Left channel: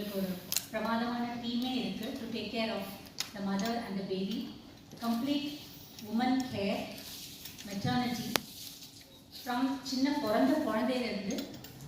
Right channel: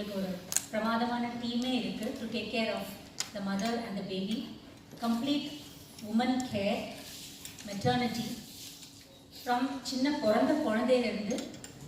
உங்களுக்கு ஒரு பிரமாதமான டீமே இருக்குது to take care of the mother and the baby. Complete woman care, maternity, from சின்ன பிறந்த குழந்தையிலேருந்து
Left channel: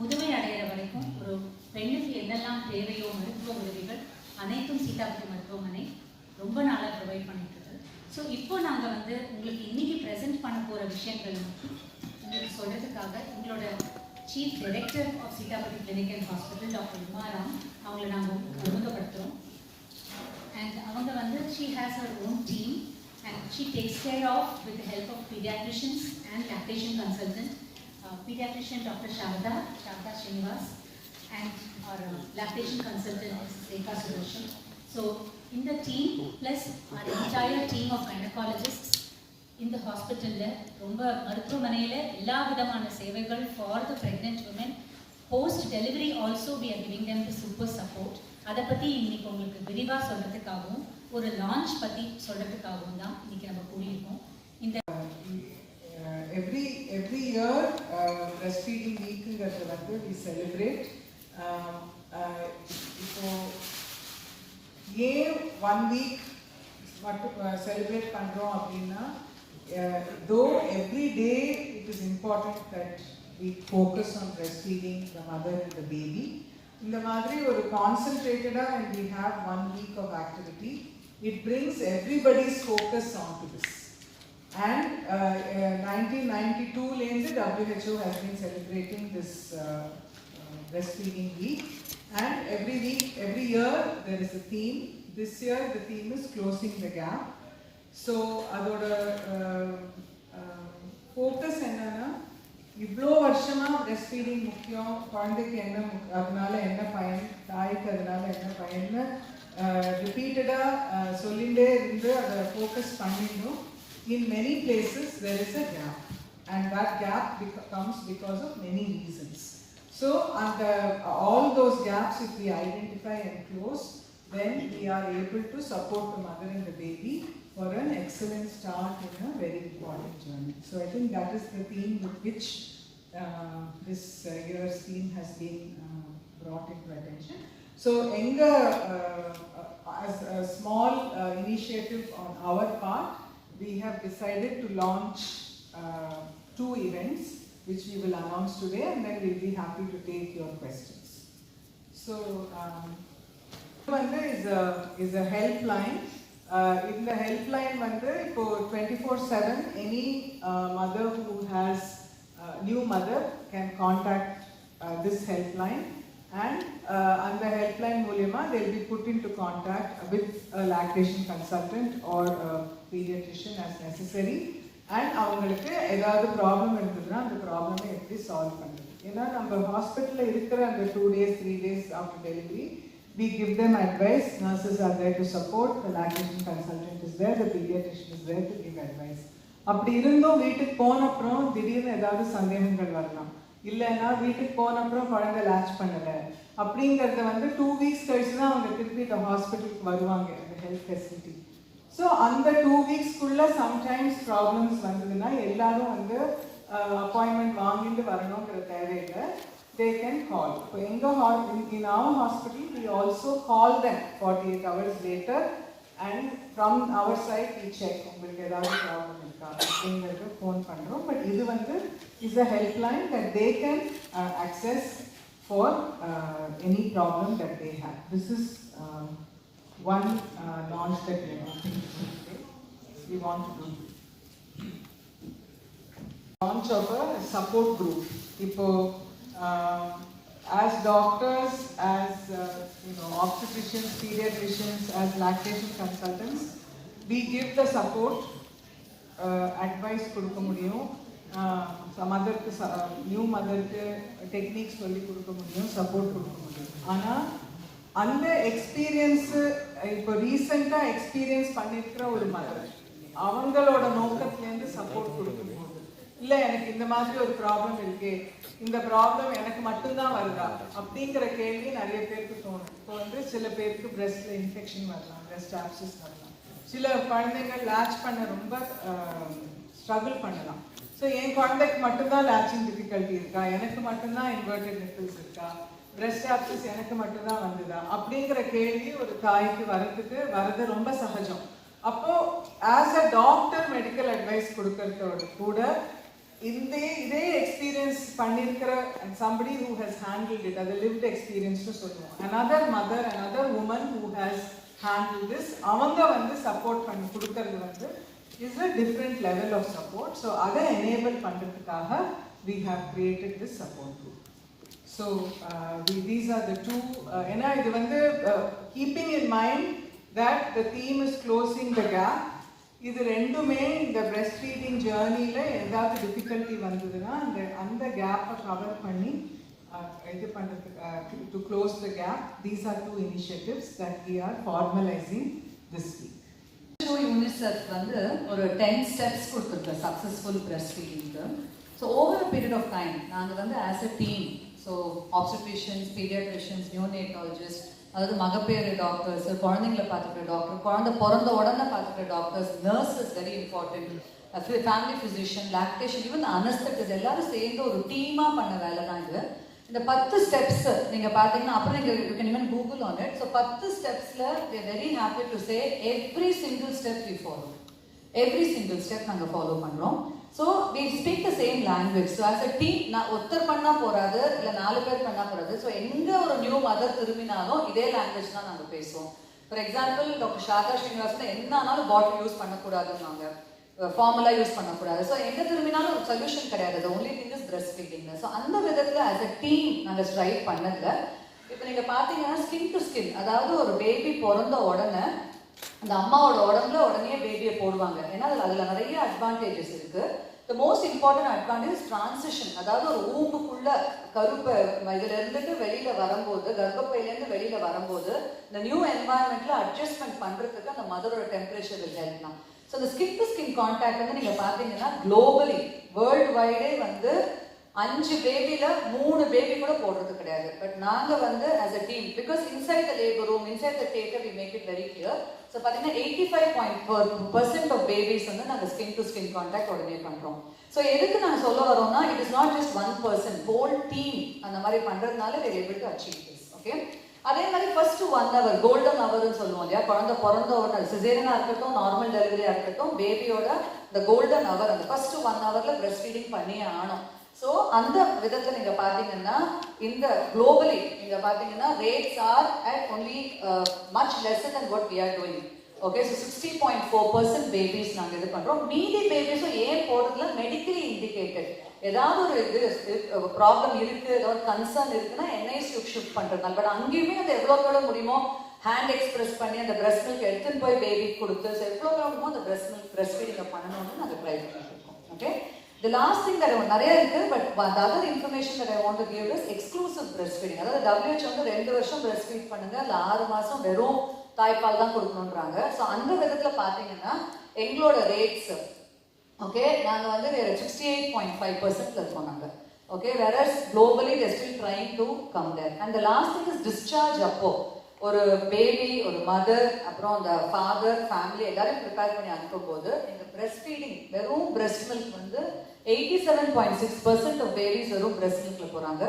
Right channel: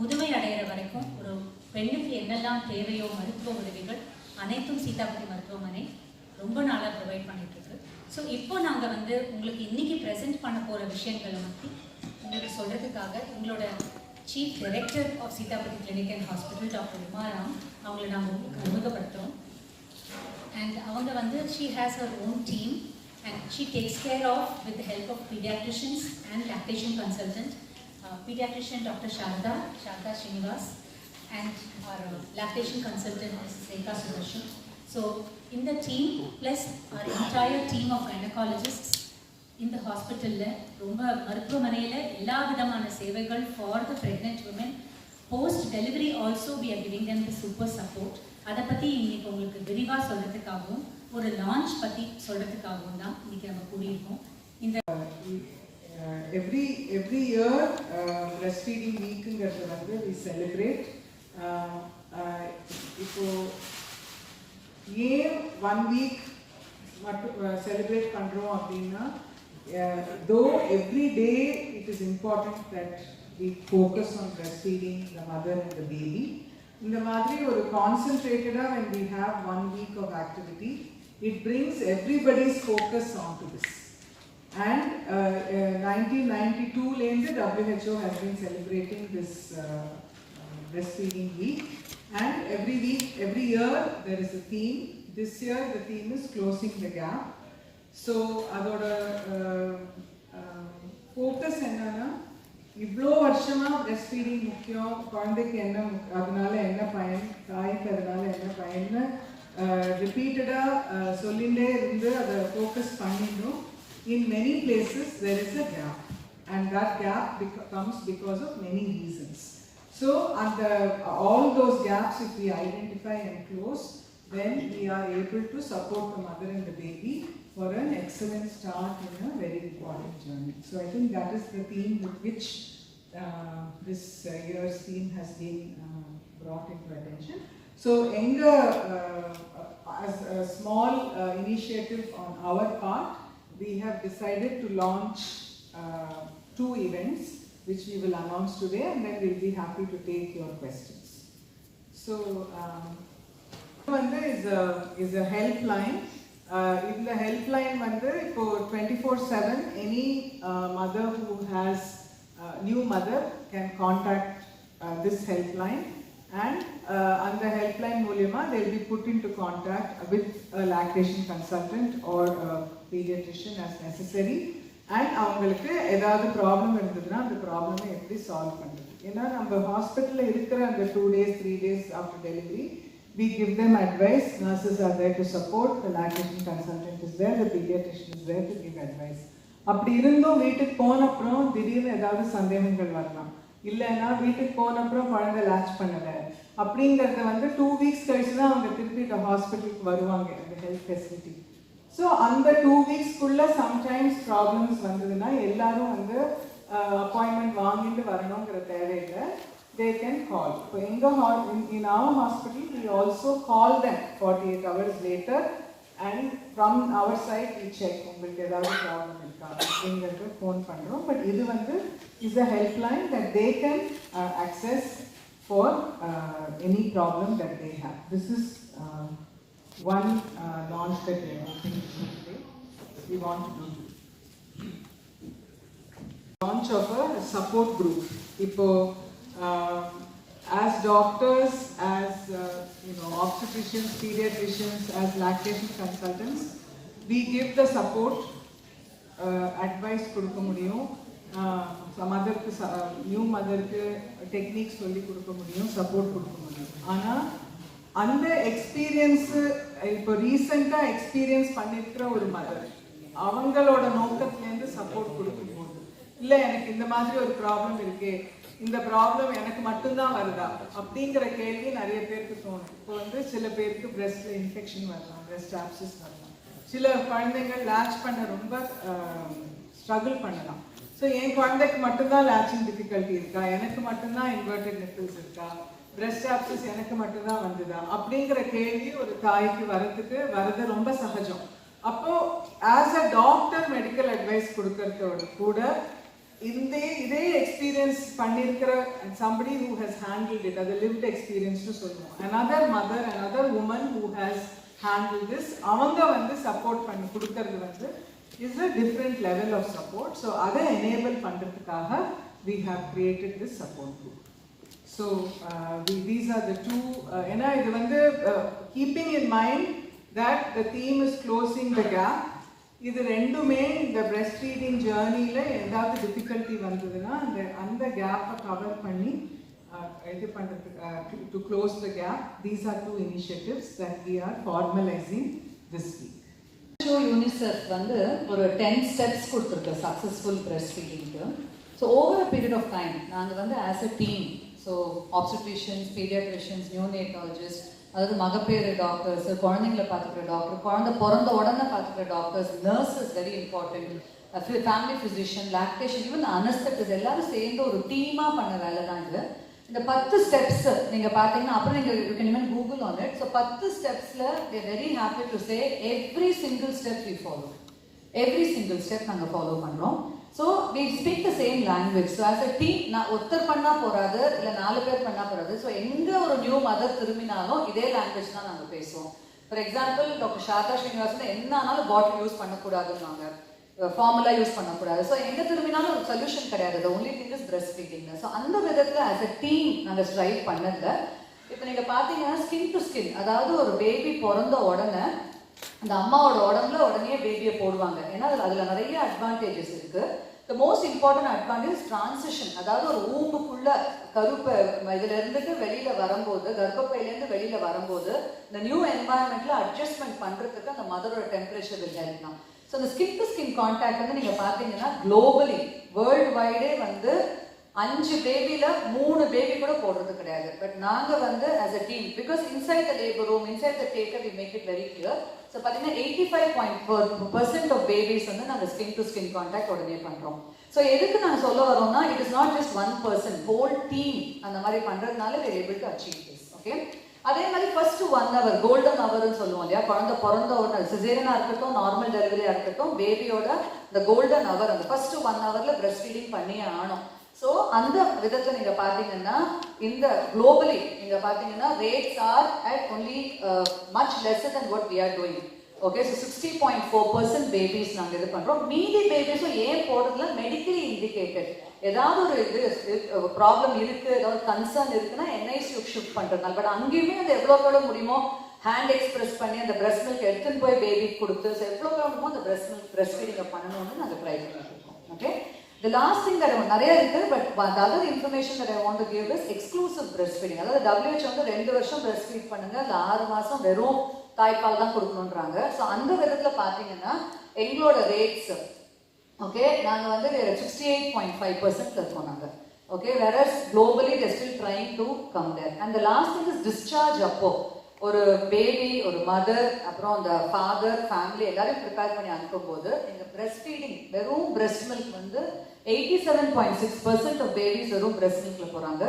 முதுமை அடைகிற வரைக்கும் ஒரு பெண்ணுக்கு என்னெல்லாம் தேவையோ மருத்துவ உதவிகள் அனைத்தும் சீதாபதி மருத்துவமனை ரொம்ப நாளாக ப்ரொவைட் பண்ணிகிட்ருக்கு. ஸோ இப்போ நாங்கள் வந்து உங்களுக்கு இன்றைக்கி ப்ரெசென்ட் பண்ண போகிற விஷயங்களை பற்றி உங்களுக்கு சொல்கிறதுக்காக எங்களோட chief director of Seethapathi clinic and hospital doctor Umaram அவங்களை நாங்கள் அறிமுகப்படுத்துகிறோம். அண்ட் அவங்க வந்து she has her own team and she takes care of with the help of pediatricians and lactation consultant, pediatrician Dr. Sharda Srinivas and our lactation consultant is Rekha Sudarshan. So in the team plus our entire team of gynecologists in the hospital la romba maruthuvamanayila ella vidhamana sevagal for the pregnant women. Post delivery also we are giving them the super support. அதை பற்றி இன்னைக்கு உங்களுக்கு விரிவாக சொல்கிறதுக்காகவும் ஒரு launch பற்றி சொல்கிறதுக்காகவும் தான் இன்னைக்கு நம்ம கூடியிருக்கோம். இந்த எவ்ரி இயர் பிரஸ்ட் ஃபீடிங் வீக்குங்கிறது வந்து வி செலிப்ரேட். இப்போ ஏன் 1 வீக் மட்டும் செலிப்ரேட் பண்ணுறோம் அப்படின்னா, though every day it is important that we focus on breastfeeding the mother and the baby. இந்த மாதிரி ஒரு கான்சென்ட்ரேட்டடாக when we have 1 week of activity, it brings everybody's focus onto this. And 1992 lende WHO has been celebrating this breastfeeding week, and every year there is a theme. This year the theme is closing the gap. So adoda focus enna இவ்வளோ வருஷமாக breast feeding முக்கியம், குழந்தைக்கு என்ன அதனால என்ன பயன், தாய்க்கு அதனால என்ன பயன்னு ரிப்பீட்டடாக சொல்லிகிட்டே இருந்து அதை ஃபோக்கஸ் பண்ணிடணும். In many places there is a gap and that gap comes because of many reasons. So அந்த all those gaps if we identify and close, then we are able to support the mother and the baby for an excellent start in a very important journey. So I think that is the theme with which this year's theme has been brought into attention. So as a small initiative on our part, we have decided to launch 2 events which we will announce today, and then we'll be happy to take your questions. So one is a helpline. In the helpline for 24/7 any mother who has new mother can contact this helpline, and on the helpline moolema they will be put into contact with a lactation consultant or a pediatrician as necessary, and avangalukku edavadhu problem irundhuna and problem eppadi solve pannadhu. Ena நம்ம ஹாஸ்பிடல்ல இருக்கிற அந்த 2 days 3 days after delivery we give them advice. Nurses are there to support, the lactation consultant is there, the pediatrician is there to give advice. அப்படி இருந்தும் வீட்டுக்கு போன அப்புறம் திடீர்னு ஏதாவது சந்தேகங்கள் வரலாம், இல்லைன்னா வீட்டுக்கு போன அப்புறம் குழந்தை லேட்ச் பண்ணல அப்படிங்கறத 2 weeks கழிச்சு தான் அவங்க திருப்பி ஹாஸ்பிட்டலுக்கு வருவாங்க, இந்த ஹெல்த் ஃபெசிலிட்டி. ஸோ அந்த 2 weeksக்குள்ள சம்டைம்ஸ் ப்ராப்ளம்ஸ் வந்ததுன்னா எல்லாரும் அப்பாயின்மெண்ட் வாங்கிட்டு வரணுங்கிற தேவையில்லை. They can call. So in our hospital, we also call them 48 hours later, and from our side we check with the problem irukka phone pandrom. But this is a helpline that they can access for any problem that they have. This is one launch that we want to do. Launch of a support group. Ipo as doctors, as obstetricians, pediatricians, as lactation consultants, we give the support, advice கொடுக்க முடியும், மதருக்கு new மதருக்கு techniques சொல்லி கொடுக்க முடியும், support கொடுக்க முடியும். ஆனால் அந்த experience இப்போ ரீசெண்டாக எக்ஸ்பீரியன்ஸ் பண்ணியிருக்கிற ஒரு மதர் அவங்களோட நோக்கத்துலேருந்து சப்போர்ட் கொடுக்கணும். இல்லை எனக்கு இந்த மாதிரி ஒரு ப்ராப்ளம் இருக்கு, இந்த ப்ராப்ளம் எனக்கு மட்டும்தான் வருதா அப்படிங்கிற கேள்வி நிறைய பேருக்கு தோணும். இப்போ சில பேருக்கு பிரெஸ்ட்ல இன்ஃபெக்ஷன் வரலாம், பிரெஸ்ட் ஆப்சஸ் வரலாம், சில குழந்தைகள் லேட்ச் பண்ண ரொம்ப ஸ்ட்ரகிள் பண்ணலாம். ஸோ என் குழந்தைக்கு மட்டும்தான் லேட்சிங் டிஃபிகல்ட்டி இருக்கா, எனக்கு மட்டும்தான் இன்வெர்டட் நிப்பிள்ஸ் இருக்கா, பிரஸ்ட் ஆப்சஸ் எனக்கு மட்டும்தான் வந்ததா அப்படிங்கிற கேள்வி ஒரு தாய்க்கு வரது ரொம்ப சகஜம். அப்போ as a doctor medical advice கொடுக்கறதோட கூட இதே எக்ஸ்பீரியன்ஸ் பண்ணிருக்கிற somebody who has handled it, அது lived experience னு சொல்லுவோம். another mother, another woman who has handled this, அவங்க வந்து சப்போர்ட் பண்ணி கொடுக்கறது வந்து is a different level of support. So அதை enable பண்றதுக்காக we have created this support group. So these are the two ஏன்னா இது வந்து keeping in mind that the theme is closing the gap. இது ரெண்டுமே இந்த breast feeding journeyல ஏதாவது difficulty வந்ததுன்னா அந்த கேப்பை கவர் பண்ணி இது பண்றதுக்கு to close the gap. These are two initiatives that we are formalizing this week. UNICEF வந்து ஒரு 10 ஸ்டெப்ஸ் கொடுத்துருக்கு சக்சஸ்ஃபுல் பிரஸ்ட் ஃபீடிங்க்கு. So over a period of time நாங்கள் வந்து as a team, so obstetricians, paediatricians, neonatologist, அதாவது மகப்பேறு doctors, குழந்தைங்களை பார்த்துக்கிற டாக்டர், குழந்தை பிறந்த உடனே பார்த்துக்கிற doctors, nurses very important, family physician, lactation, even anaesthetist எல்லாரும் சேர்ந்து ஒரு டீமாக பண்ண வேலை தான் இது. இந்த 10 ஸ்டெப்ஸ் நீங்க பாத்தீங்கன்னா அப்புறம் you can even Google on it. So 10 ஸ்டெப்ஸ்ல we are very happy to say every single step we follow. Every single step நாங்க ஃபாலோ பண்றோம். So we speak the same language. So as a team நான் ஒருத்தர் பண்ணா போறாது, இல்ல 4 பேர் பண்ணா போறாது. So எங்க ஒரு நியூ மதர் திரும்பினாலும் இதே லாங்குவேஜ் தான் நாங்க பேசுவோம். ஃபார் எக்ஸாம்பிள் டாக்டர் ஷாதா ஸ்ரீனிவாசன் என்னாலும் பாட்டில் யூஸ் பண்ணக்கூடாதுன்னு ஃபார்முலா யூஸ் பண்ணக்கூடாது. ஸோ எங்க திரும்பினாலும் ஒரு சொல்யூஷன் கிடையாது. Only thing is breast feeding. So அந்த விதத்துல ஆஸ் அ டீம் நாங்கள் ஸ்ட்ரைவ் பண்ணதுல இப்போ நீங்க பாத்தீங்கன்னா ஸ்கின் டு ஸ்கின், அதாவது ஒரு பேபி பிறந்த உடனே அந்த அம்மாவோட உடம்புல உடனே பேபியை போடுவாங்க. ஏன்னா அதுல நிறைய அட்வான்டேஜஸ் இருக்கு. The most important advantage is transition. அதாவது ஒரு ஊமுக்குள்ள கருப்பை இதுல இருந்துட்டு வெளியில வரும்போது, கர்ப்பப்பையில இருந்து வெளியில வரும்போது இந்த நியூ என்வாயன்மெண்ட்ல அட்ஜஸ்ட்மெண்ட் பண்றதுக்கு அந்த மதரோட temperature will help now. So the skin to skin contact வந்து நீங்க பாத்தீங்கன்னா globally world wide வந்து 5 பேபில 3 பேபி கூட போடுறது கிடையாது. பட் நாங்க வந்து as a team, because inside the labor room, inside the theater we make it very clear. So பாத்தீங்கன்னா 85% of babies வந்து நாங்க skin to skin contact உடனே பண்றோம். So எதுக்கு நாங்க சொல்ல வரோம்னா it is not just one person, whole team அந்த மாதிரி பண்றதுனால we are able to achieve this. Okay, அதே மாதிரி ஃபர்ஸ்ட் 1 hour கோல்டன் ஹவர்னு சொல்லுவோம் இல்லையா, குழந்தை பிறந்த உடனே சிசேரியனா இருக்கட்டும் நார்மல் டெலிவரியா இருக்கட்டும் பேபியோட இந்த கோல்டன் ஹவர் அந்த ஃபர்ஸ்ட் 1 hourல பிரஸ்ட் ஃபீடிங் பண்ணி ஆகணும். ஸோ அந்த விதத்துல நீங்க பாத்தீங்கன்னா இந்த குளோபலி நீங்க பாத்தீங்கன்னா rates are at only much lesser than what we are doing. Okay, so 60.4% babies நாங்கள் இது பண்றோம். மீதி பேபிஸும் ஏன் போடுறதுல மெடிக்கலி இண்டிகேட்டட், ஏதாவது ஒரு இது ப்ராப்ளம் இருக்கு, ஏதாவது கன்சர்ன் இருக்குன்னா என்ஐசியூ ஷிஃப்ட் பண்றதுனால. பட் அங்கேயுமே அது எவ்வளவு கூட முடியுமோ ஹேண்ட் எக்ஸ்பிரஸ் பண்ணி அந்த பிரஸ்ட் மில்க் எடுத்துன்னு போய் பேபி கொடுத்து எவ்வளவு முடியுமோ அந்த பிரஸ்ட் மில்க் பிரஸ்ட் ஃபீடிங் பண்ணணும்னு நாங்கள் ட்ரை பண்ணிருக்கோம். Okay, the last thing that நிறைய இருக்கு, but the other information that I want to give is exclusive breastfeeding. அதாவது WHO வந்து 2 வருஷம் breast feed பண்ணுங்க, அந்த 6 மாசம் வெறும் தாய்ப்பால் தான் கொடுக்கணும்ன்றாங்க. ஸோ அந்த விதத்துல பாத்தீங்கன்னா எங்களோட ரேட்ஸ் ஓகே நாங்க வந்து 68.5% இருக்கோம் நாங்க. Okay, whereas globally they are still trying to come there. And the last thing is discharge அப்போ ஒரு பேபி, ஒரு மதர், அப்புறம் அந்த ஃபாதர், ஃபேமிலி எல்லாரும் ப்ரிப்பேர் பண்ணி அனுப்பும் போது இந்த பிரஸ்ட் ஃபீடிங் வெறும் பிரஸ்ட் மில்க் வந்து 87.6% ஆஃப் பேபிஸ் வெறும் பிரஸ்ட் மில்க்ல போறாங்க.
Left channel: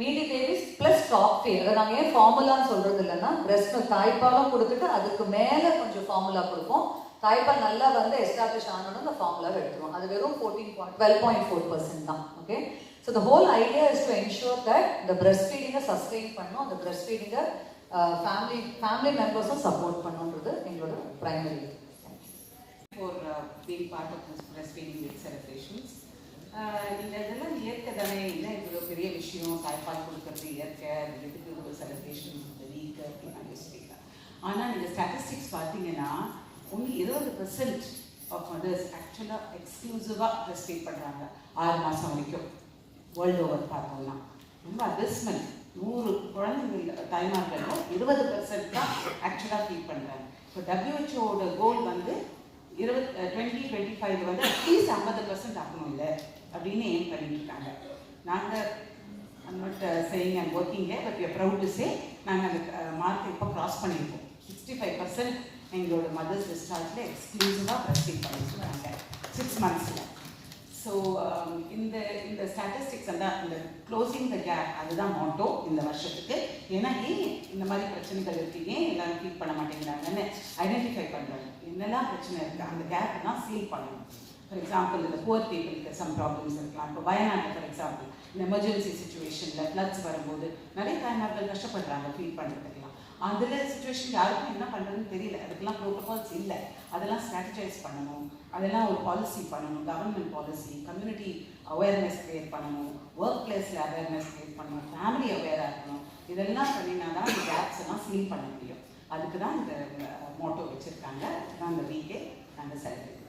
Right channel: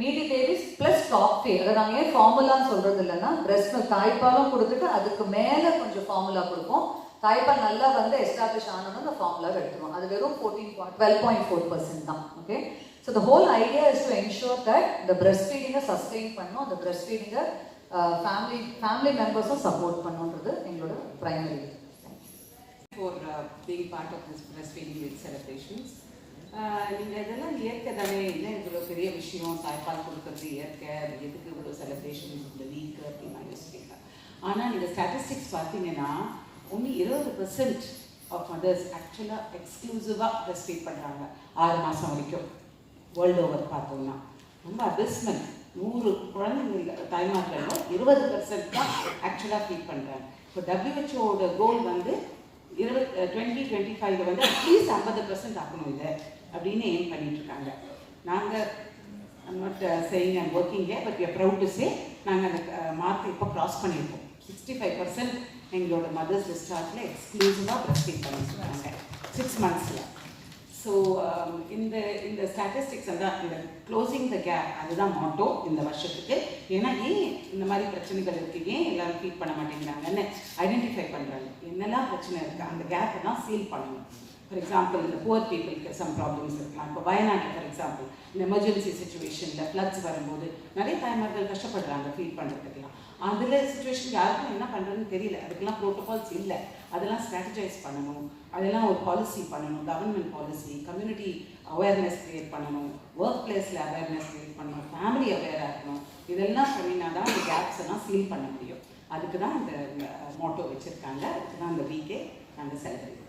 மீதி பேபிஸ் பிளஸ் டாப் ஃபீட். அதை நாங்கள் ஏன் ஃபார்முலான்னு சொல்றது இல்லைன்னா பிரஸ்ட் மில்க் தாய்ப்பாலும் கொடுத்துட்டு அதுக்கு மேல கொஞ்சம் ஃபார்முலா கொடுப்போம். தாய்ப்பால் நல்லா வந்து எஸ்டாப்ளிஷ் ஆனோம்னா அந்த ஃபார்முலா எடுத்துருவோம். அது வெறும் 12.4% தான். Okay, so the whole idea is to ensure that இந்த பிரஸ்ட் ஃபீடிங்கை சஸ்டெயின் பண்ணணும், அந்த பிரஸ்ட் ஃபீடிங்கை family members support பண்ணுன்றது எங்களோட primary for being part of this breastfeeding week celebrations. நீங்க இதெல்லாம் இயற்கை தானே, இல்லை இவ்வளோ பெரிய விஷயம் தாய்ப்பால் கொடுக்கறது இயற்கை, எதுக்கு இவ்வளோ செலிப்ரேஷன் இந்த வீக் அப்படின்னு யோசிக்கிறீங்க. ஆனால் நீங்கள் ஸ்டாட்டிஸ்டிக்ஸ் பார்த்தீங்கன்னா ஒன்லி 20% ஆஃப் மதர்ஸ் ஆக்சுவலாக எக்ஸ்க்ளூசிவாக பிரஸ்ட் ஃபீட் பண்ணுறாங்க 6 மாதம் வரைக்கும். வேர்ல்டு ஓவர் பார்த்தோம்னா ரொம்ப அபிஸ்மெண்ட். 100 குழந்தைங்க தாய்மார்கள் 20% தான் ஆக்சுவலாக ஃபீட் பண்ணுறாங்க. இப்போ WHO கோல் வந்து 2025 வந்து அட்லீஸ்ட் 50% ஆகணும் இல்லை அப்படின்னு ஏம் பண்ணிட்டு இருக்காங்க. நாங்கள் not saying I'm working here, but we are proud to say நாங்கள் அந்த மார்க் இப்போ கிராஸ் பண்ணியிருக்கோம். 65% எங்களோட மதர்ஸ் டிஸ்சார்ஜில் எக்ஸ்க்ளூசிவாக பிரஸ்ட் ஃபீட் பண்ணிட்டு இருக்காங்க 6 monthsல. ஸோ இந்த ஸ்டாட்டிஸ்டிக்ஸ் எல்லாம் இந்த க்ளோசிங் த கேப் அதுதான் மோட்டோ இந்த வருஷத்துக்கு. ஏன்னா ஏன் இந்த மாதிரி பிரச்சனைகள் இருக்கு, ஏன் எல்லாரும் ஃபீட் பண்ண மாட்டேங்கிறாங்கன்னு ஐடென்டிஃபை பண்ணுறாங்க. என்னெல்லாம் பிரச்சனை இருக்குது அந்த கேப்பை தான் சீல் பண்ணணும். ஃபார் எக்ஸாம்பிள் இந்த புவர் பீப்புளுக்கு சம் ப்ராப்ளம்ஸ் இருக்கலாம். இப்போ வயநாட்டில் ஃபார் எக்ஸாம்பிள் இந்த எமர்ஜென்சி சுச்சுவேஷனில் ஃப்ளட்ஸ் வரும்போது நிறைய தாய்மார்கள் கஷ்டப்படுறாங்க ஃபீட் பண்ணுறதுக்கெல்லாம். அதில் சுச்சுவேஷன் யாருக்கும் என்ன பண்ணுறதுன்னு தெரியல, அதுக்கெல்லாம் ப்ரோட்டோகால்ஸ் இல்லை. அதெல்லாம் ஸ்ட்ராட்டஜைஸ் பண்ணணும், அதெல்லாம் ஒரு பாலிசி பண்ணணும், government policy, community awareness create பண்ணணும், ஒர்க் பிளேஸில் அவேர்னஸ் க்ரியேட் பண்ணணும், ஃபேமிலி அவேராக இருக்கணும். இதெல்லாம் பண்ணினா தான் இந்த கேப்ஸ் எல்லாம் சீல் பண்ண முடியும். அதுக்கு தான் இந்த மோட்டோ வச்சுருக்காங்க, அதுக்கு தான் இந்த வீக்கே நாங்கள் செலிப்ரேட்